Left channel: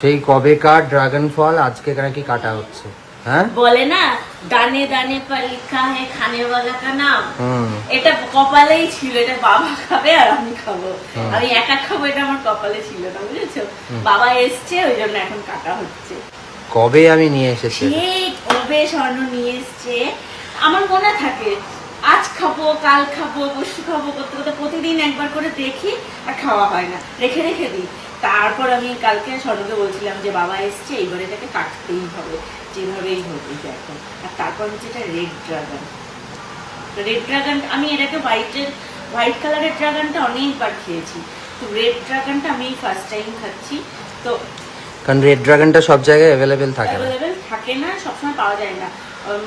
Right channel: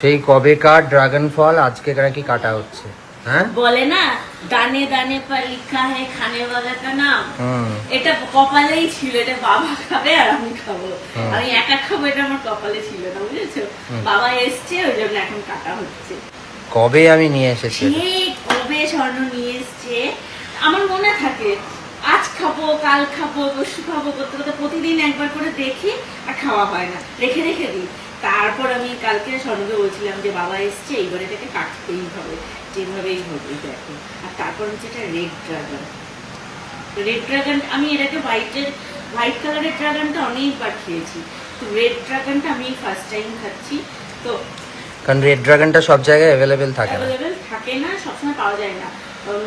সেই কবে কার ড্রাগন ফল আজকে নাকি কাটা হচ্ছে? হ্যাঁ? বলে না দানে দানে লিখা হে খানে কা নাম। এটা কপালেই ছিল এটা বাবা খাবে আর আমি খাব। আমি একা খাব এটা আমার কপালে ছিল না বুঝেছ? বাবা এসছে ওই জন্য এখন কাটা হচ্ছে। কবে আমি নিয়ে এসেছি? কবে স্বর্ণ নিয়ে এসছে? আমার মনে থাকে আজ খাব কাল খাব পরশু খাব করতে করতে প্রতিদিন একবার করে দেখি আর খাওয়া হয় না। রেখে রেখে দিই। তারপর আমি কালকে স্বর্ণকে বলছিলাম যে বাবা এসছে এইবার এটাকে কাটতেই হবে। যেভাবেই হবে দেখো। আর তারপর হচ্ছে এটা রেড ড্রাগন রেড ড্রাগন আমি এটাকে হোয়াইটের হোয়াইট কালারের ড্রাগনটা অনেকবার খেয়েছি। তো রেড ড্রাগনটা আমি ফার্স্ট টাইম খাচ্ছি। তো কারণ রেড ড্রাগনটা সব জায়গায় অ্যাভেলেবেল থাকে না। অ্যাভেলেবেল থাকে না সবসময় পাওয়া যায় না।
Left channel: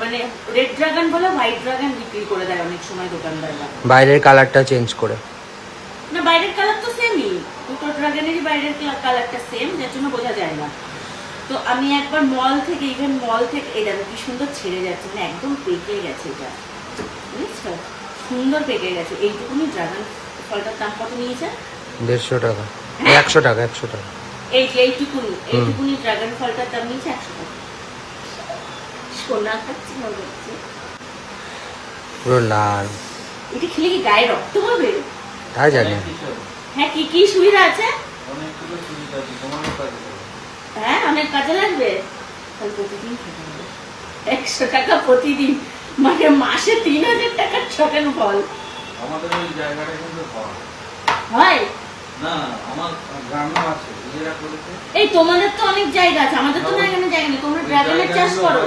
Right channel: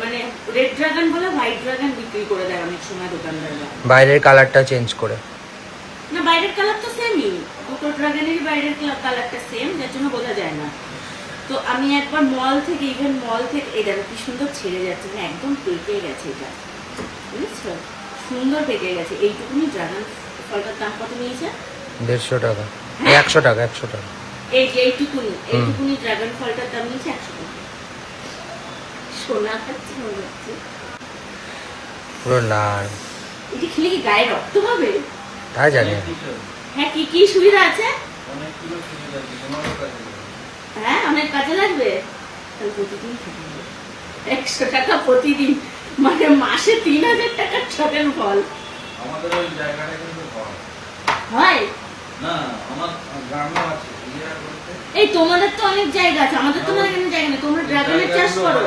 মানে রেড ড্রাগন বলে হোয়াইট ড্রাগন বিক্রি করে দেয় অনেক সময় দোকানদাররা। বাইরের কালারটা চেঞ্জ করে। না বাইরের কালার তো ড্রাগনেরই বাইরের কালারটা সেম যার জন্য বোঝা যায় না। তো আমি একবার মল থেকে ইভেন মল থেকে এই দেখো কি সুন্দর ছেড়ে যাচ্ছে মানে একদম পেকে গেছে এটা। বুঝেছ? সুন্দর পেকে গেছে। এইটুকুনি ড্রাগন ফলটার দাম কত নিয়েছে? দেড়শো টাকা। একশো টাকা একশো টাকা। এই যে এইটুকুনি এইটুকুনি ড্রাগন ফলটার দাম নিয়েছে একশো টাকা। সোনা খাচ্ছি মনে হচ্ছে। পুরো লাল। এটা খেলে কি গায়ে রক্ত হবে? তাই জানি না হ্যাঁ কি কি সুবিধা আছে? হ্যাঁ অনেক কাজে লাগবে। তাহলে প্রতিদিন খেতে হবে। একশো টাকা প্রতিদিন মানে মাসে তিন হাজার টাকার ফল। আমাদের ওই জায়গাটা কিন্তু হয়। হয়? না আমার গ্রামে আছে এই তোমাদের তো অনেক জায়গা আছে আমাদের তো না এখানে জায়গা নেই তোমরা ড্রাগনের চাষ করো?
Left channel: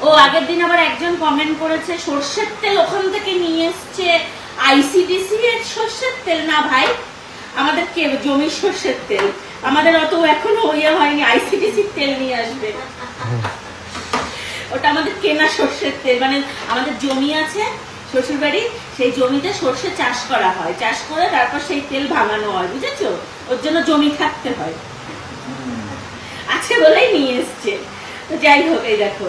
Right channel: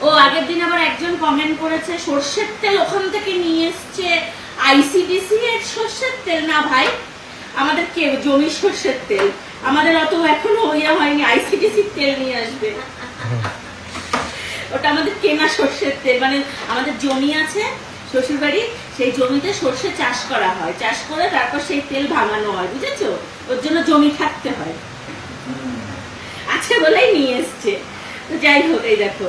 ও আগের দিন আবার একজন কমেন্ট করেছে সর্ষের তেল ওখান থেকে নিয়ে এসছে আইসিডিসি এর সর্ষের তেল না ভাই, আমাদের কে জমির সর্ষের তেল? আমাদের অত এখনও ইয়ে হয়নি আইসিডিসির তেল নিয়ে আসবে। ওটা আমাদের কেনা সর্ষের তেল মানে আমাদের জমি আছে শ্বশুর বাড়ি সেই জমিতে সর্ষে চাষ করা হয়। চাষ করে তারপর সেই তেল ভাঙানো হয়, বুঝেছ? ওর জন্য জমি থাকতে হয়। আছে বলেই নিয়ে এসছে। তো যাই হোক, এই দেখো।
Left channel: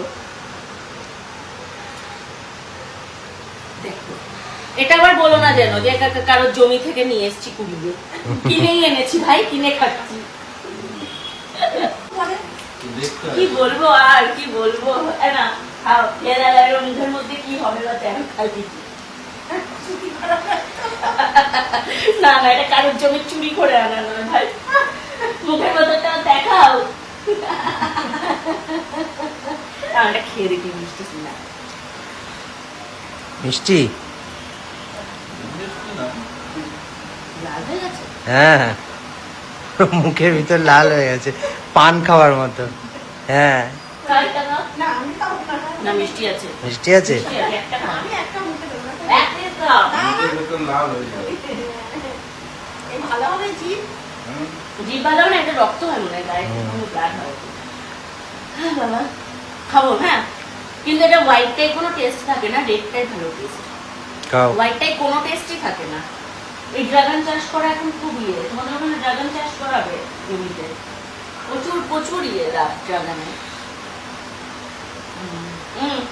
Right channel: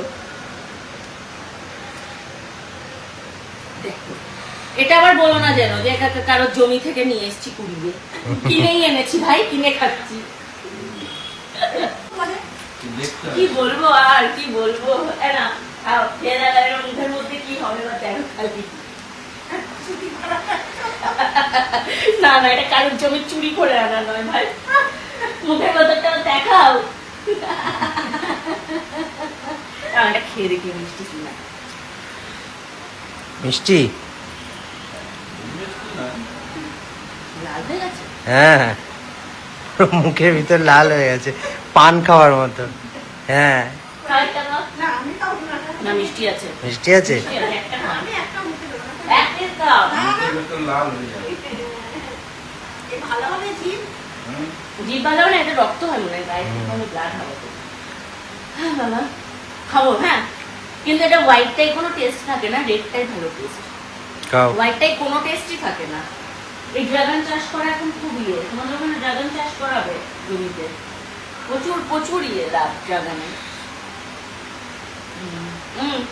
এটা আবার বলো না যেন যে কারোর জমি থেকে নিয়ে এসছি কুড়িয়ে। কিনেই এনেছি ভাই, কিনে খাচ্ছি। কি বলব আর, কি বলব? না না না, এটা কারোর জমি চুরি করে আনা নয় ভাই। মুখের মধ্যে দেখাও। আমরা খেয়ে দেখি মিষ্টি কিনা। মিষ্টি? হয়ে গেছে হ্যাঁ। মুখের ভিতর লাল হয়ে গেছে পান খাওয়ার মতো। হ্যাঁ। না মিষ্টি আছে। হয়ে। রক্ত হয় মনে হয়। হ্যাঁ খাব হ্যাঁ। কিন্তু এটা হোয়াইটটাই কোনো টেস্ট থাকে না রেডটাই ভালো টেস্ট খাও। হোয়াইটটাই কোনো টেস্টই থাকে না। এই ড্রাগন চাষ করা এখন খুব ইয়ে। তোমাদের ওখানে ড্রাগন চাষ করাবে জমিতে? প্রচুর প্রচুর ইয়ে ড্রাগনে হুম। হুম।